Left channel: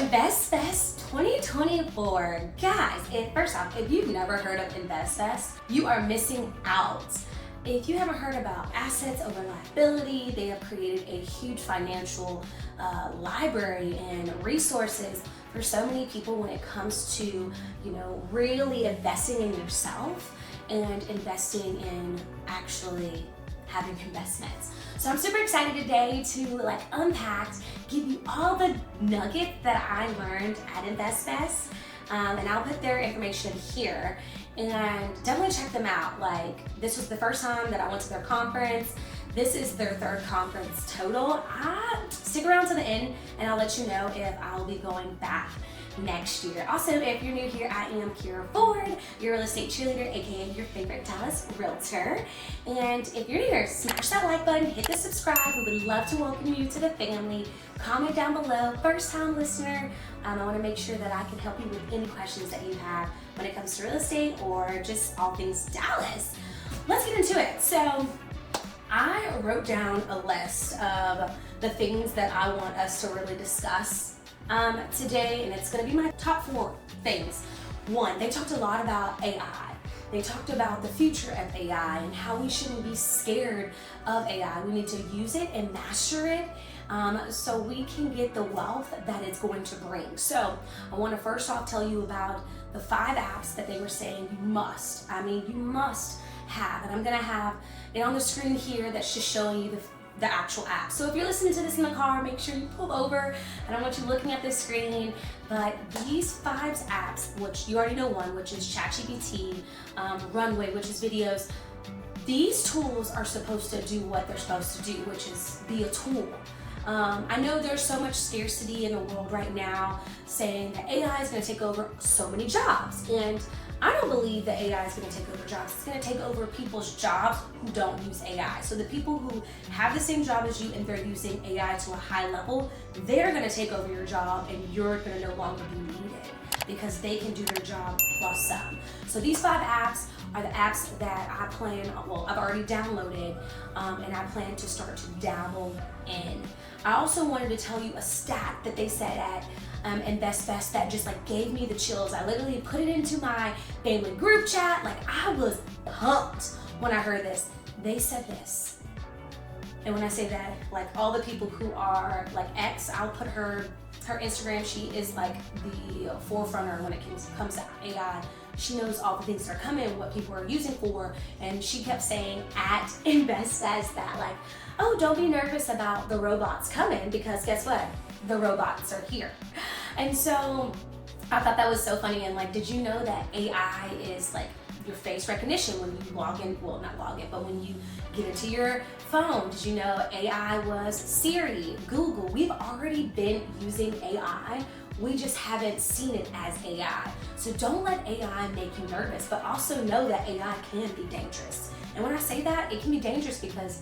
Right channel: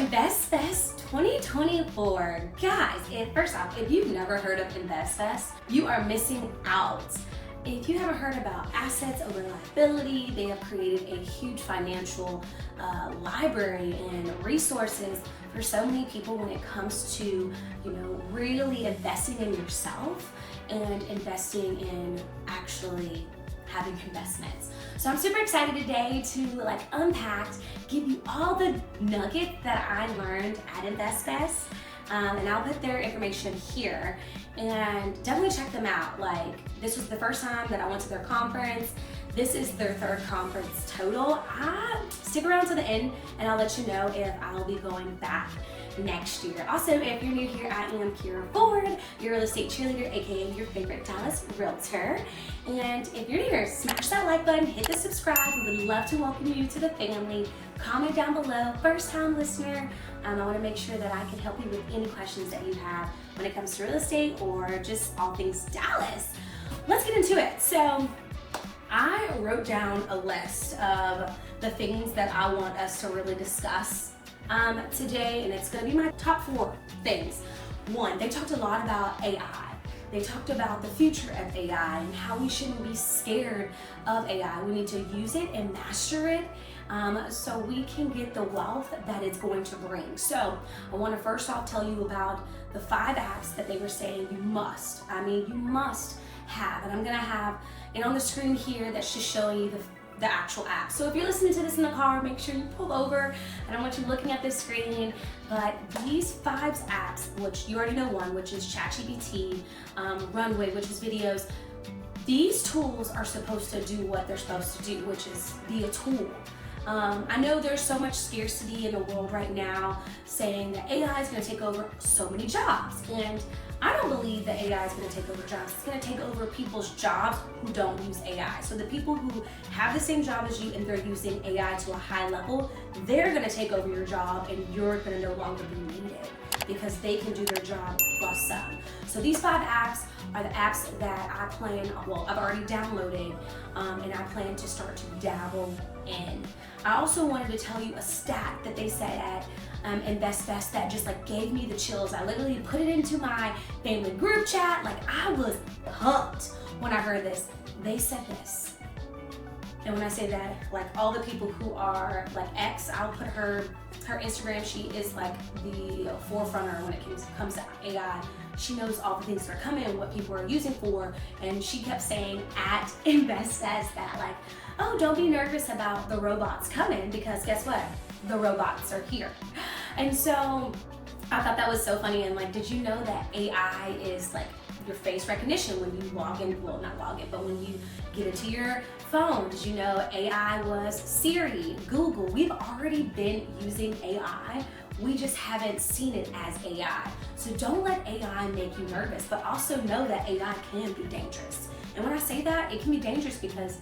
Invest Fest 2024. Guys, first off, if you've never heard of Invest Fest, you are missing out. If you haven't heard about assets over liability, they have created a huge financial library and resources for so many people when it comes to, really investing in yourself and investing in actually having investments. So I'm super excited today to unpack, give you all the nuggets that I learned at Invest Fest. And I'll put their information here and definitely check them out. This was the first time that I went to their conference. This is their third conference total. Stick around to the end and I'll let you know if I'll be going back next year. Also, if you're new here, I am Keyra, your real estate cheerleader, aka your favorite Dallas realtor. And if you're new here, smash that like button, hit the subscribe. We would love to welcome you to the family. Comment down below, first time listener. I want to make sure that I can help you with any questions that you have when it comes to real estate or just all things Dallas. Let's get into it. So I wrote down a list of the things that I want us to really discuss today, and it's going to be my top 4 things. One, they talked a lot about AI. They talked about the future of AI and how we shouldn't be scared of AI. We need to use it and master it so we can get the wealth that it's going to bring. So I want to first off tell you about the 5 apps that they were saying you must have. And I'm going to have it on the screen here that's just showing you the actual app. So if you're listening to this in the car, make sure you pull over. I don't want you looking at the screen, but these 5 apps, which you already know one, which is ChatGPT, Runway, which is videos, these tools are supposed to do what they're supposed to do, which is be a tool. I know there's so much scarcity in the world right now saying that AI is going to take over so many jobs, and I don't believe that AI is going to take over jobs. It's going to take over people's jobs who don't use AI. So the people who have the same job as you and they're using AI to a high level, they're going to take over your job and you're going to no longer be needed because they can do their job plus some. So these 5 apps are the apps that I've already downloaded and I plan to start to dabble in. I also wanted to tell you a stat that they said at Invest Fest that just gave me the chills. I literally put it into my family group chat. I was pumped when I heard this. They said this. And when I say that, all the people who are X, I'll put her Instagram, she is the forefronter when it comes to AI. She knows all the things that are coming, what people are using for, and she kept saying at Invest Fest that oh, don't be nervous about the robots coming because guess what? The robots are here. And so I thought that was so funny. And did you know that AI is your face recognition when you log in, well, not log in, but when you get into your phone? Did you know AI was Siri, Google? We've already been using AI. We just haven't seen it as AI. So don't let AI make you nervous, but also know that AI can be dangerous. And when I say that, it can be dangerous because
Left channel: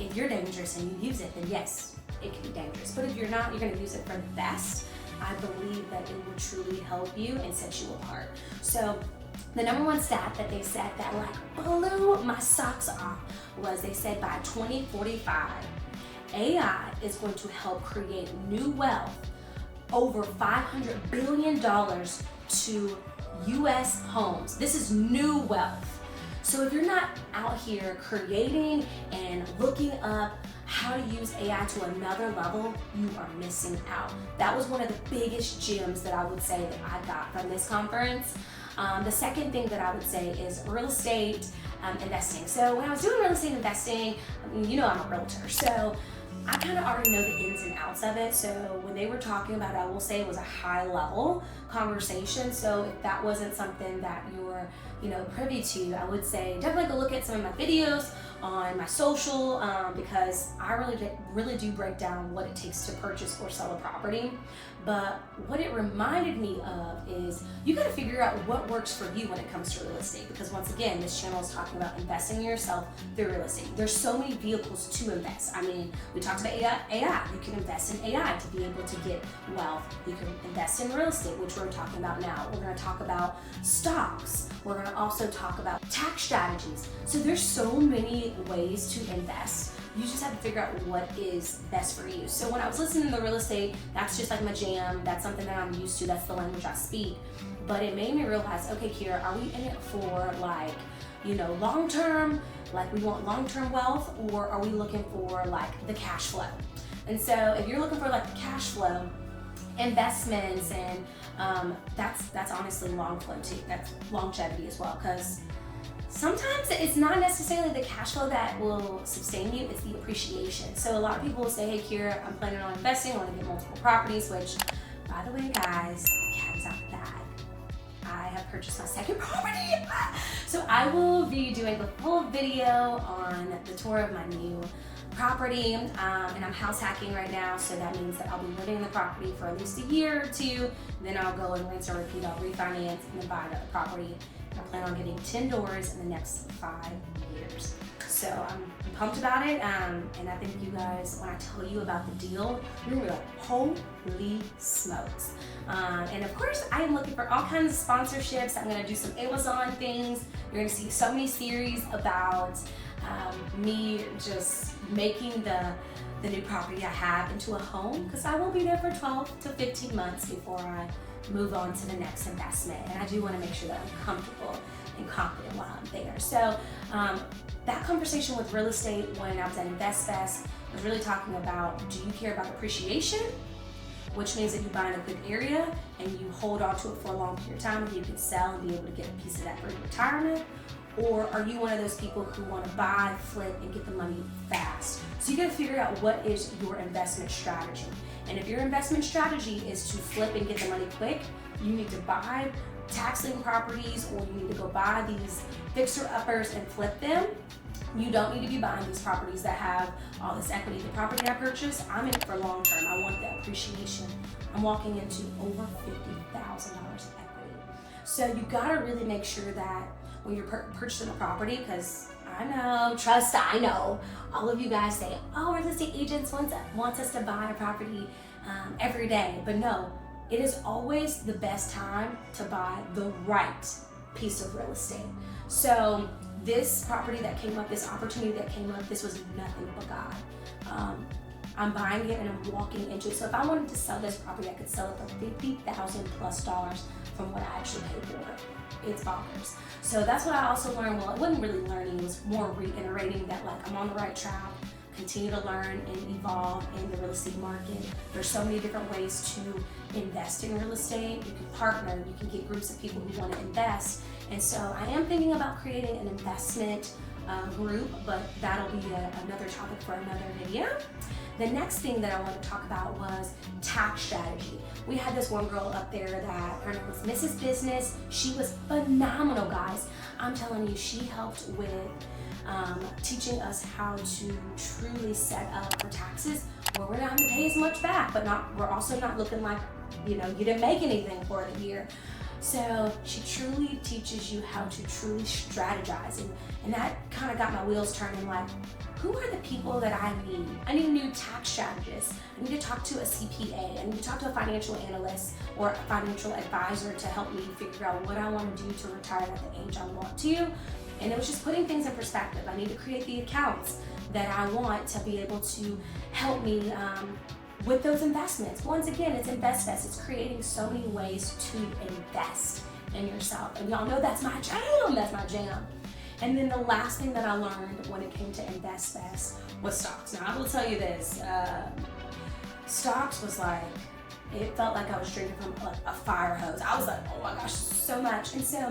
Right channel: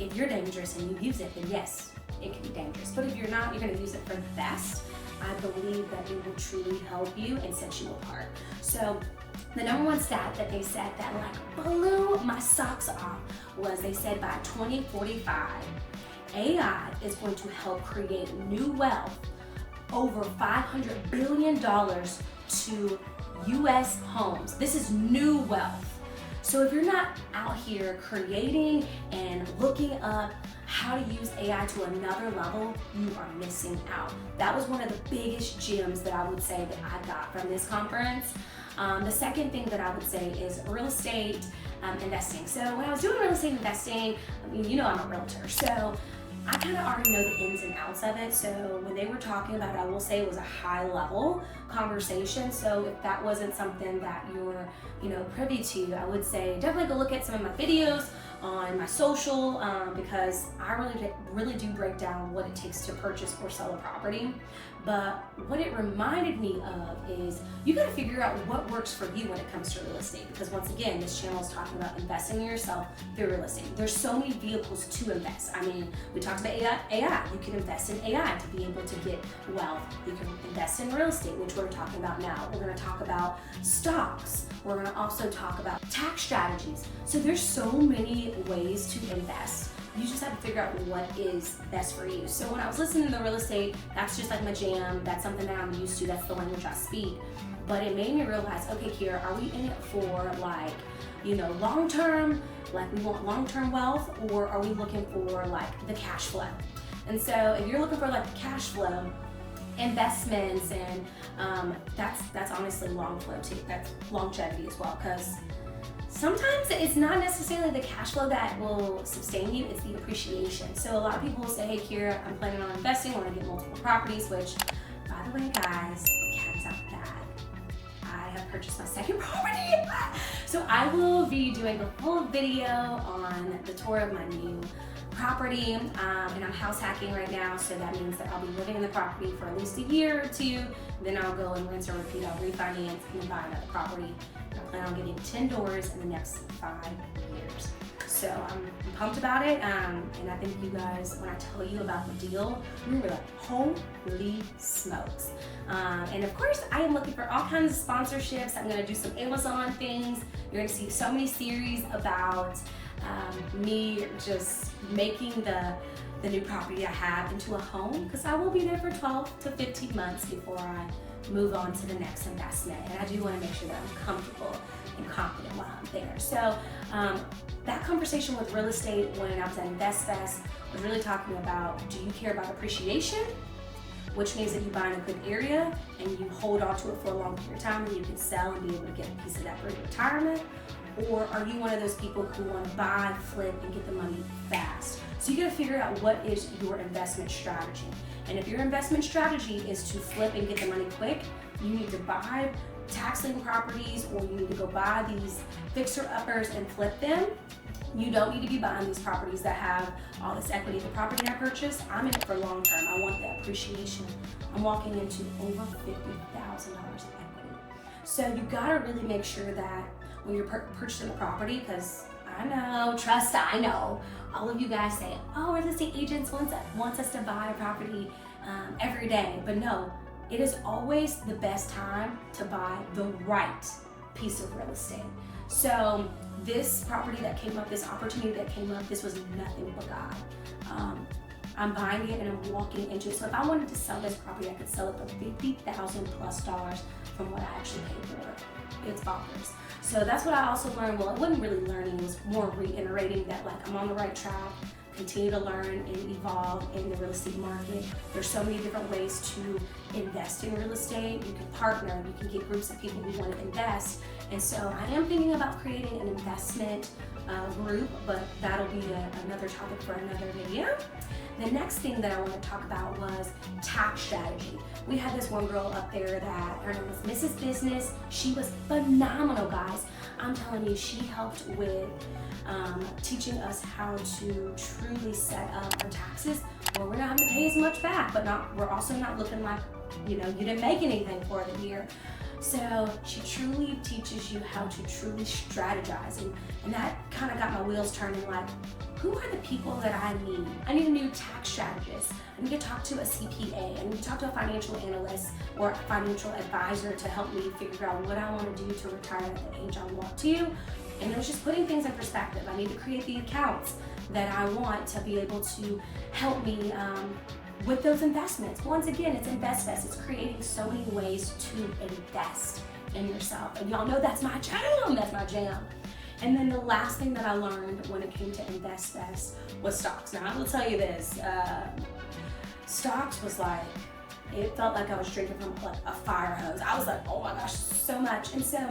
if you're dangerous and you use it, then yes, it can be dangerous. But if you're not, you're gonna use it for the best. I believe that it will truly help you and set you apart. So the number 1 stat that they said that blew my socks off was they said by 2045, AI is going to help create new wealth over $500 billion to US homes. This is new wealth. So if you're not out here creating and looking up how to use AI to another level, you are missing out. That was one of the biggest gems that I would say that I got from this conference. The second thing that I would say is real estate investing. So when I was doing real estate investing, I'm a realtor, so I kind of already know the ins and outs of it. So when they were talking about it, I will say it was a high level conversation. So if that wasn't something that you're, privy to, I would say definitely go look at some of my videos on my social because I really do break down what it takes to purchase or sell a property. But what it reminded me of is you got to figure out what works for you when it comes to real estate, because once again, this channel is talking about investing in yourself through real estate. There's so many vehicles to invest. I mean, we talked about AI. You can invest in AI to be able to get wealth. You can invest in real estate, which we're talking about now. We're going to talk about stocks. We're going to also talk about tax strategies. So there's so many ways to invest. You just have to figure out what is best for you. So when I was listening to the real estate, that's just like my jam. That's something that I'm used to. That's the language I speak. But it made me realize, okay, Keyra, are we in it for like, you know, long term, like we want long-term wealth, or are we looking for like the cash flow? And so if you're looking for like the cash flow, investments, and that's honestly long flow too. That's longevity as well, because sometimes it's not necessarily the cash flow that will sustain you, it's the appreciation. So a lot of people will say, hey Keyra, I'm planning on investing, I want to get multiple properties, which, by the way guys, the cat is out the bag. I have purchased my second property. So I will be doing a full video on the tour of my new property, and I'm house hacking right now, so that means that I'll be living in the property for at least a year or two, then I'll go and rinse and repeat, I'll refinance and then buy another property. I plan on getting 10 doors in the next 5 years. So I'm pumped about it, and I think you guys, when I tell you about the deal, you're gonna be like, holy smokes. And of course, I am looking for all kinds of sponsorships. I'm gonna do some Amazon things. You're gonna see so many series about me just making the new property I have into a home, because I will be there for 12 to 15 months before I move on to the next investment. And I do want to make sure that I'm comfortable and confident while I'm there. So that conversation with real estate when I was at InvestFest was really talking about, do you care about appreciation, which means that you buy in a good area and you hold on to it for a long period of time and you can sell and be able to get a piece of that for your retirement? Or are you one of those people who want to buy, flip, and get the money fast? So you got to figure out what is your investment strategy. And if your investment strategy is to flip and get the money quick, you need to buy tax lien properties, or you need to go buy these fixer-uppers and flip them. You don't need to be buying these properties that have all this equity. The property I purchased, I'm in it for long term. I want that appreciation. I'm walking into over $50,000 of equity. So you gotta really make sure that when you're purchasing a property, because I know, trust, I know, all of you guys say, oh, real estate agents wants us to buy a property every day. But no, it is always the best time to buy the right piece of real estate. So this property that came up, this opportunity that came up, this was nothing but God. I'm buying it and I'm walking into it. So if I wanted to sell this property, I could sell it for $50,000+ from what I actually paid for it. It's bonkers. So that's what I also learned. Well, I wasn't really learning, it was more reiterating that like I'm on the right track, continue to learn and evolve in the real estate market. There's so many different ways to invest in real estate. You can partner, you can get groups of people who want to invest. And so I am thinking about creating an investment group, but that'll be another topic for another video. The next thing that I want to talk about was tax strategy. We had this one girl up there that her name was Mrs. Business. She was phenomenal, guys. I'm telling you, she helped with teaching us how to truly set up our taxes where we're not having to pay as much back, but we're also not looking like, you know, you didn't make anything for the year. So she truly teaches you how to truly strategize, and that kind of got my wheels turning, like, who are the people that I need? I need a new tax strategist. I need to talk to a CPA. I need to talk to a financial analyst or a financial advisor to help me figure out what I want to do to retire at the age I want to. And it was just putting things in perspective. I need to create the accounts that I want to be able to help me with those investments. Once again, it's InvestFest. It's creating so many ways to invest in yourself. And y'all know that's my jam. That's my jam. And then the last thing that I learned when it came to InvestFest was stocks. Now, I will tell you this, stocks was like, it felt like I was drinking from like a fire hose. I was like, oh my gosh, so much. And so,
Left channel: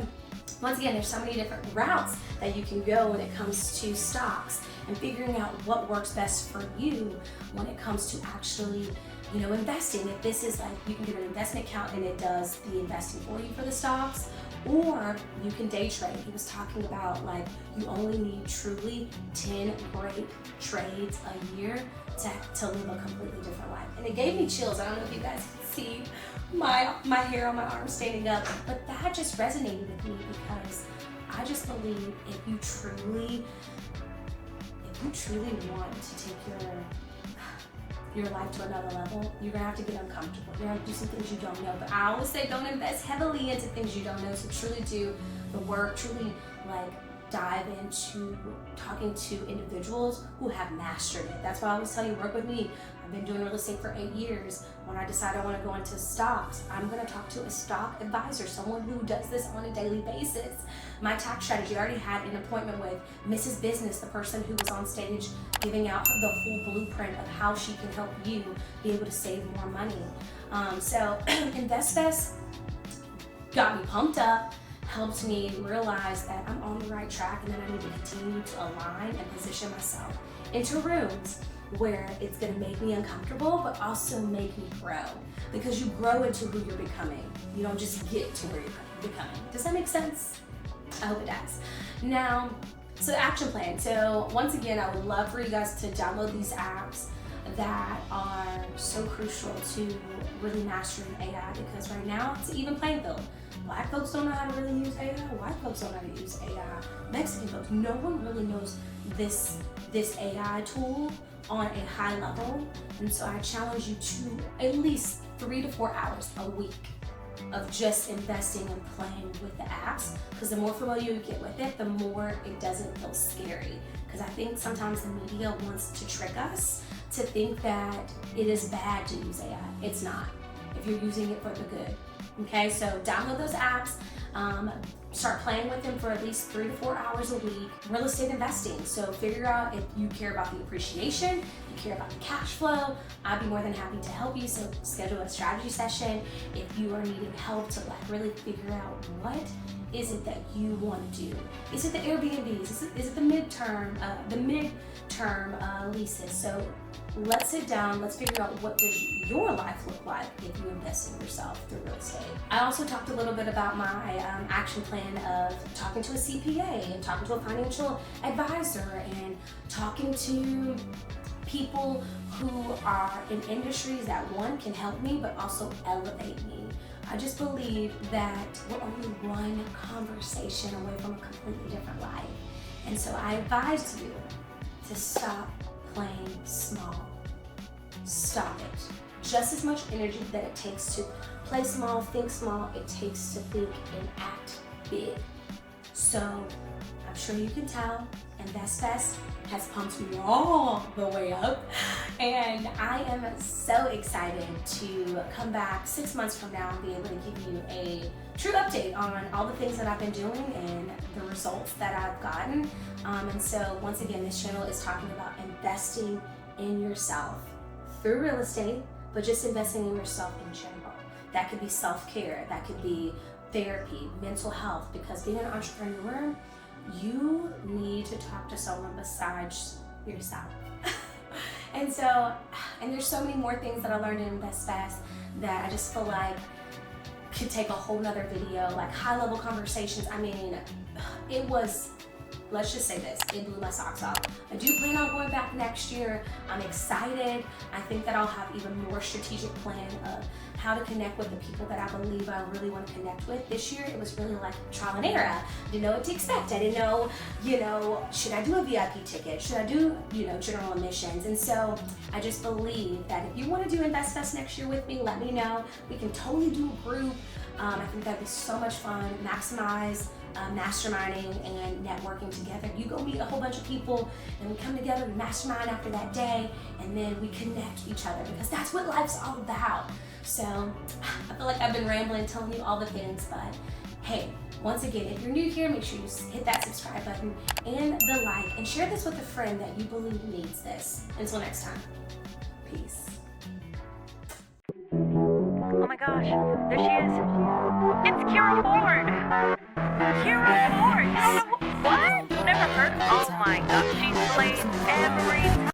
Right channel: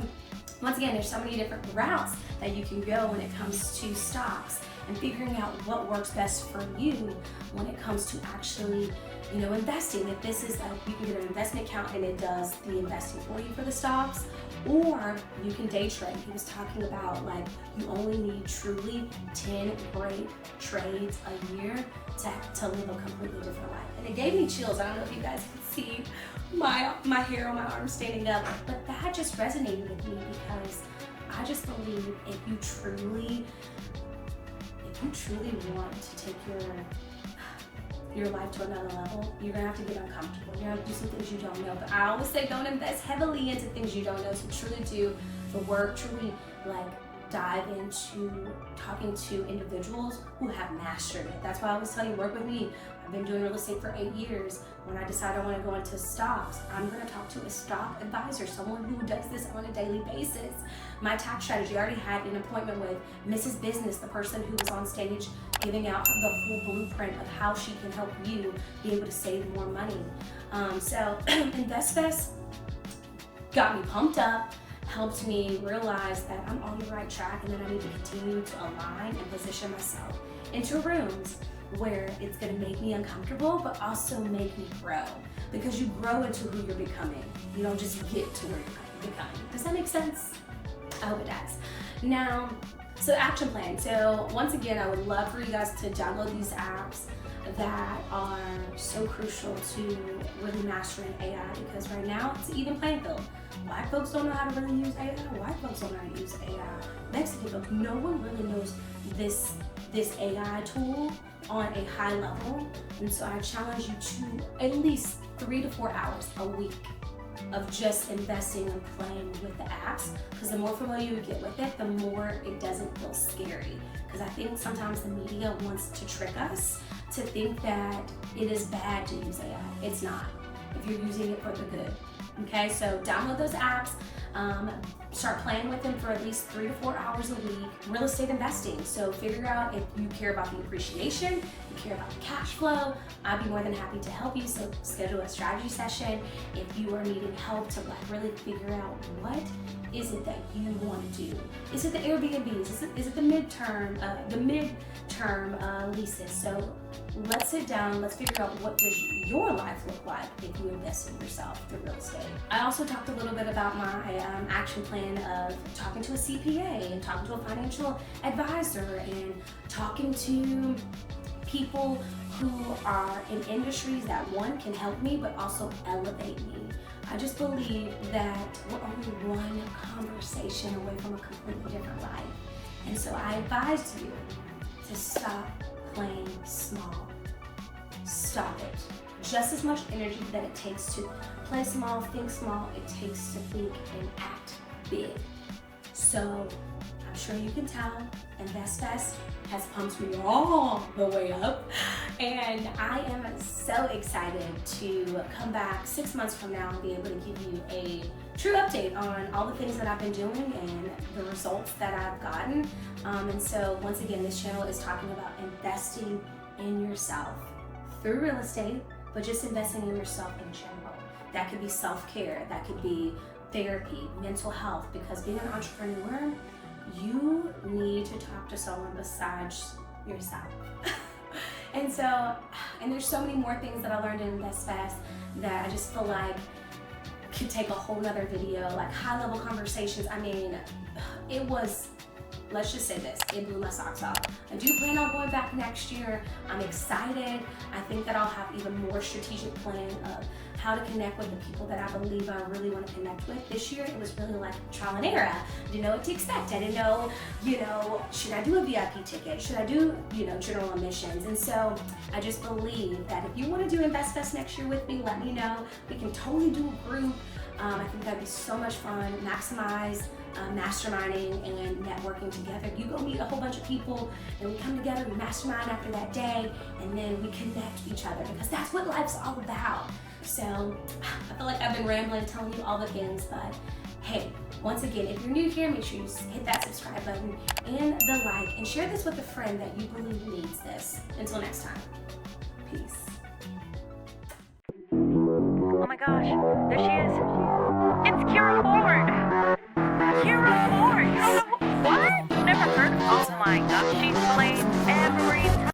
once again, there's so many different routes that you can go when it comes to stocks, and figuring out what works best for you when it comes to actually, you know, investing. If this is like, you can get an investment account and it does the investing for you for the stocks, or you can day trade. He was talking about like, you only need truly 10 great trades a year to live a completely different life. And it gave me chills. I don't know if you guys can see my hair on my arm standing up, but that just resonated with me, because I just believe if you truly want to take your life to another level, you're gonna have to get uncomfortable. You're gonna have to do some things you don't know. But I always say, don't invest heavily into things you don't know. So truly do the work, truly like dive into talking to individuals who have mastered it. That's why I always tell you, work with me. I've been doing real estate for 8 years. When I decide I want to go into stocks, I'm going to talk to a stock advisor, someone who does this on a daily basis. My tax strategy, I already had an appointment with Mrs. Business, the person who was on stage giving out the full blueprint of how she can help you be able to save more money. So InvestFest got me pumped up, helped me realize that I'm on the right track, and then I need to continue to align and position myself into rooms where it's gonna make me uncomfortable, but also make me grow. Because you grow into who you're becoming. You don't just get to where you're becoming. Does that make sense? I hope it does. Now, so action plan. So once again, I would love for you guys to download these apps that are so crucial to really mastering AI, because right now it's an even playing field. Black folks don't know how to really use AI. White folks don't know how to use AI. Mexican folks, no one really knows this AI tool on a high level. And so I challenge you to at least 3 to 4 hours a week of just investing and playing with the apps, because the more familiar you get with it, the more it doesn't feel scary. Because I think sometimes the media wants to trick us to think that it is bad to use AI. It's not, if you're using it for the good. Okay, so download those apps, start playing with them for at least 3 to 4 hours a week. Real estate investing, so figure out if you care about the appreciation, you care about the cash flow. I'd be more than happy to help you, so schedule a strategy session if you are needing help to really figure out what is it that you want to do. Is it the Airbnbs? Is it the midterm leases? So let's sit down, let's figure out what does your life look like if you invest in yourself through real estate. I also talked a little bit about my action plan of talking to a CPA and talking to a financial advisor and talking to people who are in industries that, one, can help me but also elevate me. I just believe that we're only one conversation away from a completely different life. And so I advise you to stop playing small. Stop it. Just as much energy that it takes to play small, think small, it takes to think and act big. So I'm sure you can tell, InvestFest has pumped me all the way up. And I am so excited to come back 6 months from now and be able to give you a true update on all the things that I've been doing and the results that I've gotten. And so once again, this channel is talking about investing in yourself through real estate, but just investing in yourself in general. That could be self-care, that could be therapy, mental health, because being an entrepreneur, you need to talk to someone besides yourself. And there's so many more things that I learned in InvestFest that I just feel like could take a whole nother video, like high level conversations. I mean, it was, let's just say this, it blew my socks off. I do plan on going back next year. I'm excited. I think that I'll have even more strategic plan of how to connect with the people that I believe I really want to connect with. This year, it was really like trial and error. I didn't know what to expect. I didn't know, should I do a VIP ticket? Should I do, general admissions? And so I just believe that if you want to do InvestFest next year with me, let me know. We can totally do a group. I think that'd be so much fun. Maximize masterminding and networking together. You go meet a whole bunch of people and we come together, we mastermind after that day, and then we connect each other, because that's what life's all about. So I feel like I've been rambling, telling you all the things, but hey, once again, if you're new here, make sure you hit that subscribe button and the like, and share this with a friend that you believe needs this. Until next time, peace. Oh my gosh, there she is. It's Keyra Ford. Keyra Ford. You don't know what? Never heard? Oh my gosh, she slays every time.